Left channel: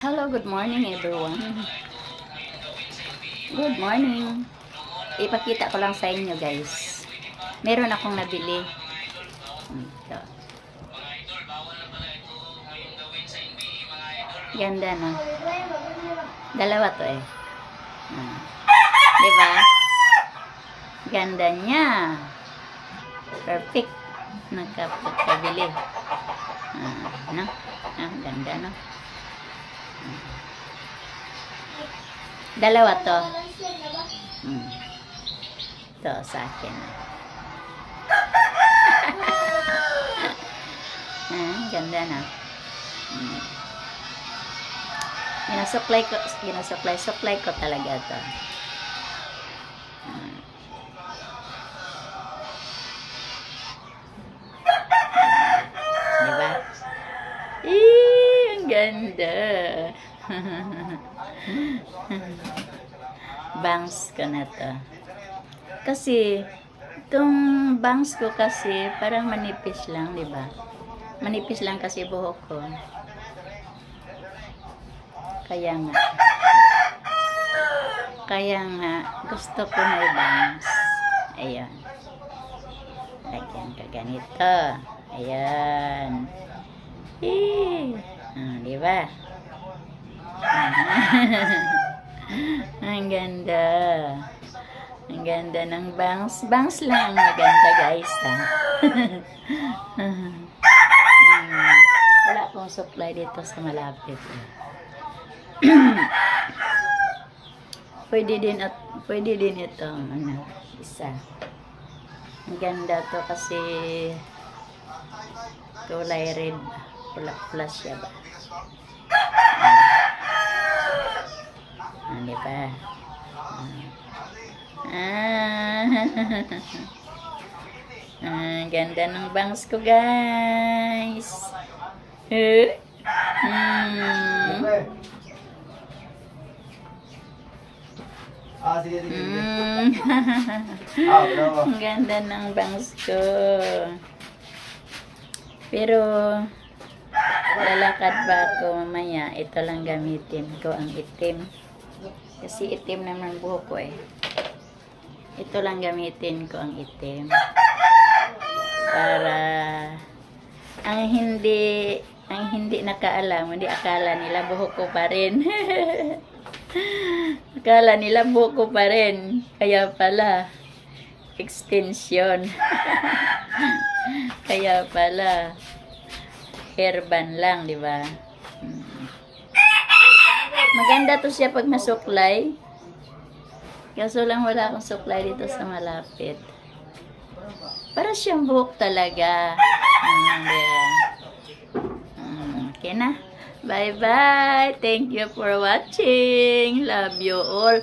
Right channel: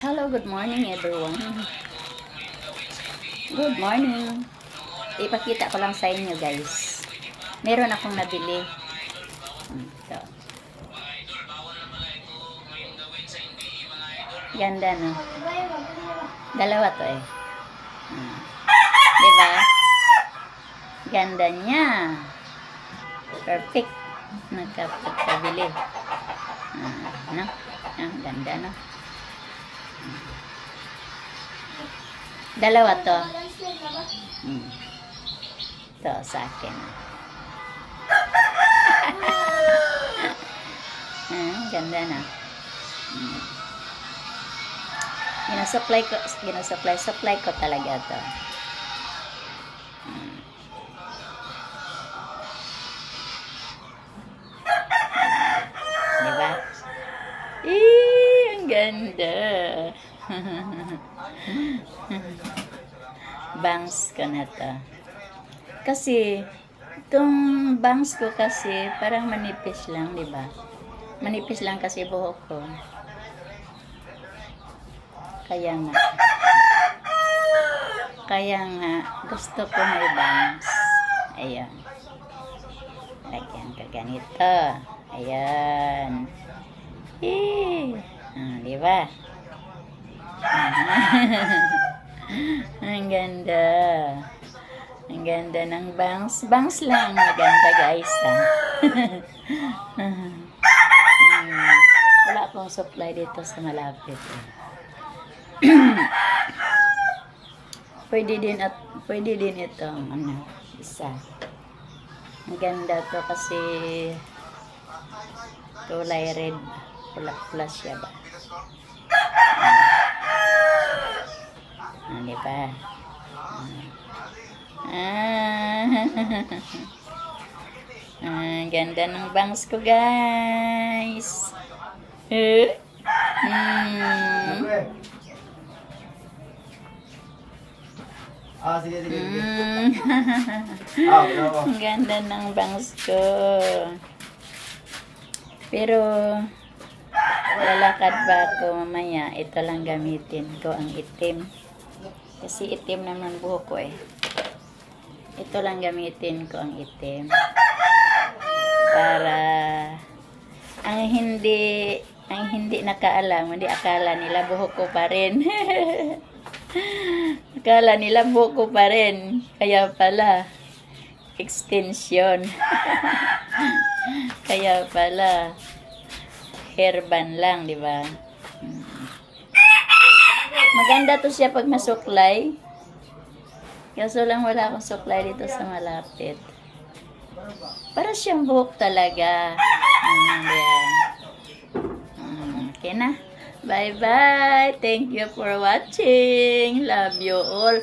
Hello, good morning everyone. Good morning. Ipakita ko lang sa inyo guys. Meron akong nabili. Ito. Ganda na. Dalawa to eh. Diba? Ganda niya. Perfect. Nakapagpabili. No? Ganda no? Dalawa to. Ito sa akin. Ganda na. Supply ko talaga to. Diba? Ang ganda. Bangs ko na to. Kasi, itong bangs ko kasi, parang manipis lang, diba? Manipis lang kasi buhok ko. Kaya nga, gusto ko may bangs. Ayan. Lagyan ka ganito. Ayan. Diba? Ang ganda. Ang ganda ng bangs. Bangs lang maganda guys. Wala akong supply dito sa malapit. Pwede din itong isa. Ang ganda to kasi kulay red. Pula-pula siya ba? Diba? Ganda ng bangs ko guys. Ganda ng bangs ko. Pero lalakad ba ako mamaya, ito lang gamitin ko, ang itim. Kasi itim naman buhok ko eh. Ito lang gamitin ko, ang itim. Para ang hindi nakaalam, hindi akala nila buhok ko pa rin. Akala nila buhok ko pa rin. Kaya pala extension. Kaya pala hairband lang, di ba? Maganda to siya pag masuklay. Kaso lang wala akong supply dito sa malapit. Para siyang buhok talaga. Okay na. Bye-bye. Thank you for watching. Love you all.